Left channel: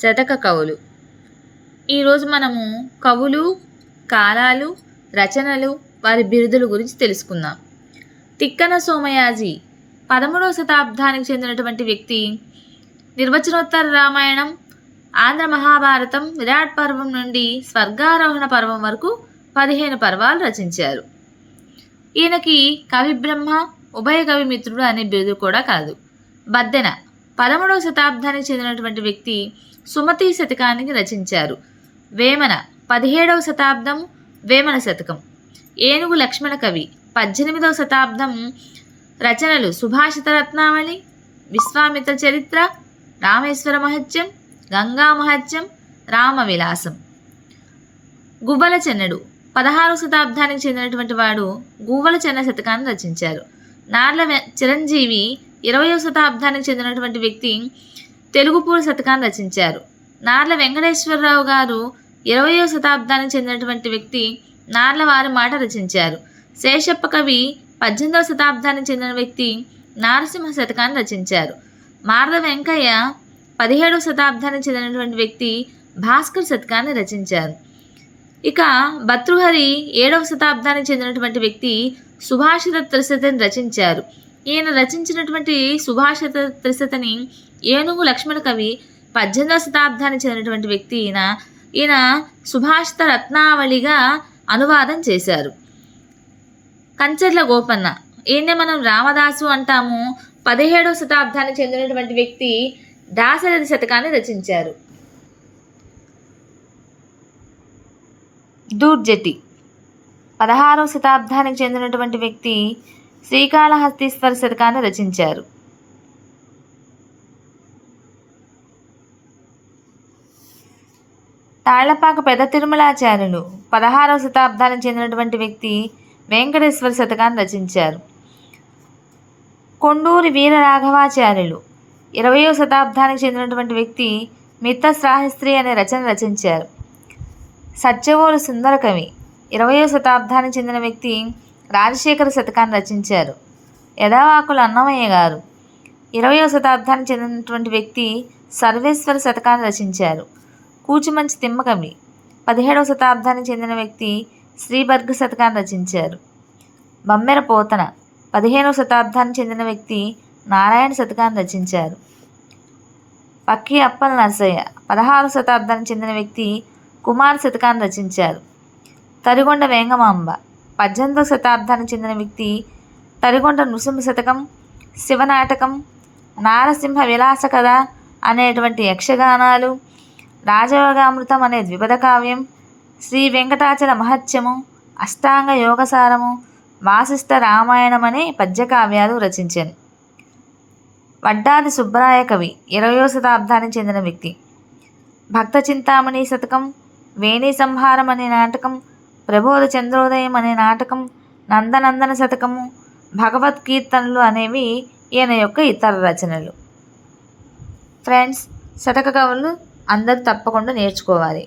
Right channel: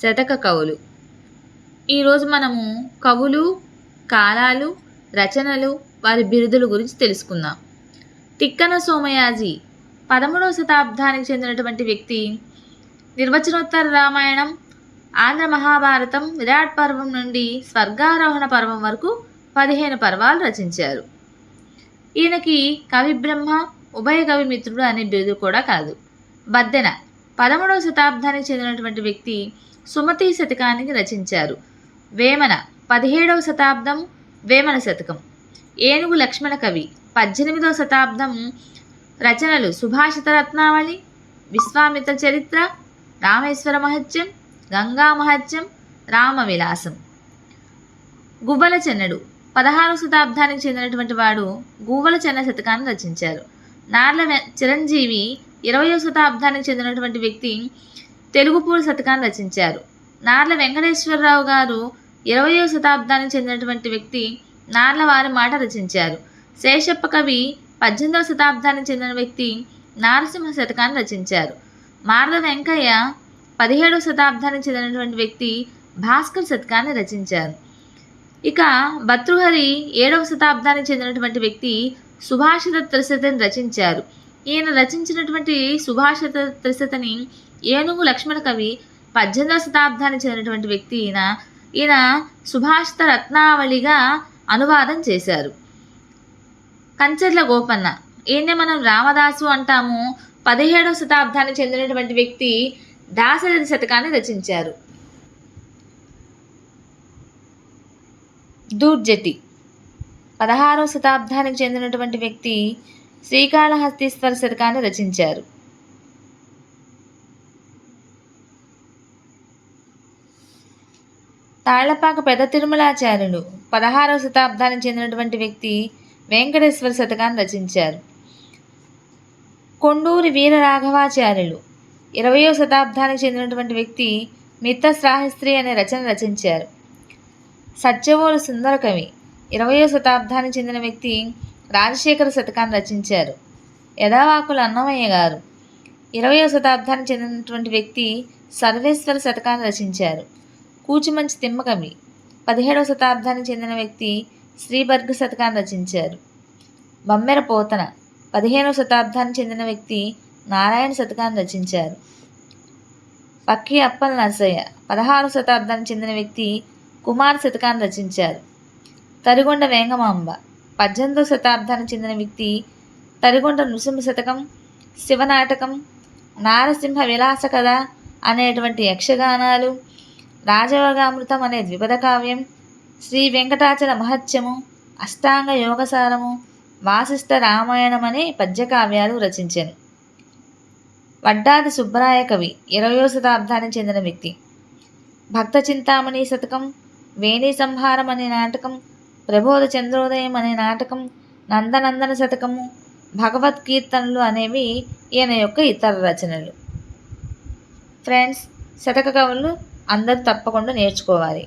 శతక కవులు. ఈరోజు మనము కవులు, కాలాలు, రచనలు, వారి బిరుదుల గురించి తెలుసుకుందాం. తిక్కన సోమయాజి 13వ శతాబ్దానికి చెందినటువంటి వ్యక్తి. నిర్వచనోత్తర రామాయణం, ఆంధ్ర మహాభారతం, విరాట్ పర్వం నుండి స్వర్గారోహణ పర్వం వరకు 15 పర్వాలు రచించారు. ఈయనకి కవి బ్రహ్మ, ఉభయ కవి మిత్రుడు అనే బిరుదు కూడా కలదు. బద్దెన 13వ శతాబ్దానికి చెందినటువంటి వ్యక్తి. సుమతి శతకానికి రచించారు. వేమన 17వ శతాబ్దం, వేమన శతకం. ఏనుగు లక్ష్మణ కవి 18వ శతాబ్దం రచనలు సుభాషిత రత్నావళి, విశ్వామిత్ర చరిత్ర, రామేశ్వర మహత్యం, గంగా మహత్యం, రామవిలాసం. గువ్వల చెన్నడు 16వ శతాబ్దానికి చెందినటువంటి వాడు గువ్వల చెన్న శతకాన్ని రచించారు. నార్ల చిరంజీవి 20వ శతాబ్దానికి చెందినటువంటి వ్యక్తి. తెలుగుపూడి శతకాన్ని రచించారు. నార్ల వెంకటేశ్వరరావు గారు 20వ శతాబ్దానికి చెందినటువంటి వ్యక్తి. నార్ల వారి మాట రచించారు. శేషప్ప కవి 18వ శతాబ్దానికి చెందిన వ్యక్తి. నారసింహ శతకాన్ని రచించారు. మార్ల వెంకయ్య 17వ శతాబ్దానికి చెందినటువంటి వ్యక్తి. భాస్కర్ శతకాన్ని రచించారు. ఇక భర్తృహరి 7వ శతాబ్దానికి చెందినటువంటి వ్యక్తి. సుభాషిత త్రిశతిని రచించారు. ఈయన రచించినటువంటి సుభాషిత త్రిశతిని ఏనుగు లక్ష్మణ కవి 18వ శతాబ్దానికి చెందినటువంటి వ్యక్తి. ఈయన సుభాషిత రత్నావళిగా అనువాదం చేశారు. కంచర్ల గోపన్న, ఈయన మనం రామదాసు అంటాము. 17వ శతాబ్దానికి చెందినటువంటి వ్యక్తి. దాశరథి శతకాన్ని రచించారు. దూర్జటి 16వ శతాబ్దానికి చెందినటువంటి వ్యక్తి. శ్రీకాళహస్తీశ్వర శతకాన్ని రచించారు. తాళ్లపాక పెద్ద తిరుమలాచార్యులు 16వ శతాబ్దానికి చెందినటువంటి వ్యక్తి. వెంకటేశ్వర శతకాన్ని రచించారు. కొండూరి వీరరాఘవాచార్యులు 20వ శతాబ్దానికి చెందినటువంటి వ్యక్తి. మిత్రశ్రాహిస్త్రీ అనే రచన రచించారు. సత్యవోలు సుందర కవి 20వ శతాబ్దానికి చెందిన వ్యక్తి. రాజశేఖర శతకాన్ని రచించారు. యదావాకుల అన్నమయ్య గారు 20వ శతాబ్దానికి చెందినటువంటి వ్యక్తి. సర్వేశ్వర శతకాన్ని రచించారు. కూచిమంచి తిమ్మకవి 17వ శతాబ్దానికి చెందిన వ్యక్తి. శ్రీబర్గ శతకాన్ని రచించారు. బమ్మెర పోతన 15వ శతాబ్దానికి చెందిన వ్యక్తి. నారాయణ శతకాన్ని రచించారు. పక్కి అప్పల నరసయ్య 16వ శతాబ్దానికి చెందిన వ్యక్తి. కుమార శతకాన్ని రచించారు. తరిగొండ వేంగమాంబ 18వ శతాబ్దానికి చెందిన వ్యక్తి. తరిగొండ నృసింహ శతకం, శివనాటకం, నారసింహ విలాస కథ అనేటువంటి యక్షగానాలు, రాజయోగామృతం అనే ద్విపద కావ్యం, శ్రీ వెంకటాచల మహత్యము, అష్టాంగ యోగసారము, వాసిష్ఠ రామాయణం అనే పద్యకావ్యాలు రచించాను. వడ్డాది సుబ్బరాయ కవి 20వ శతాబ్దానికి చెందిన వ్యక్తి. భక్త చింతామణి శతకం, వేణి సంహారం అనే నాటకం, ప్రబోధ చంద్రోదయం అనే నాటకం, నందనందన శతకము, భగవద్కీర్తనలు అనేవి ఈయన యొక్క ఇతర రచనలు. ఫ్రెండ్స్, శతక కవులు అందరూ తప్పకుండా నేర్చుకోవాలి.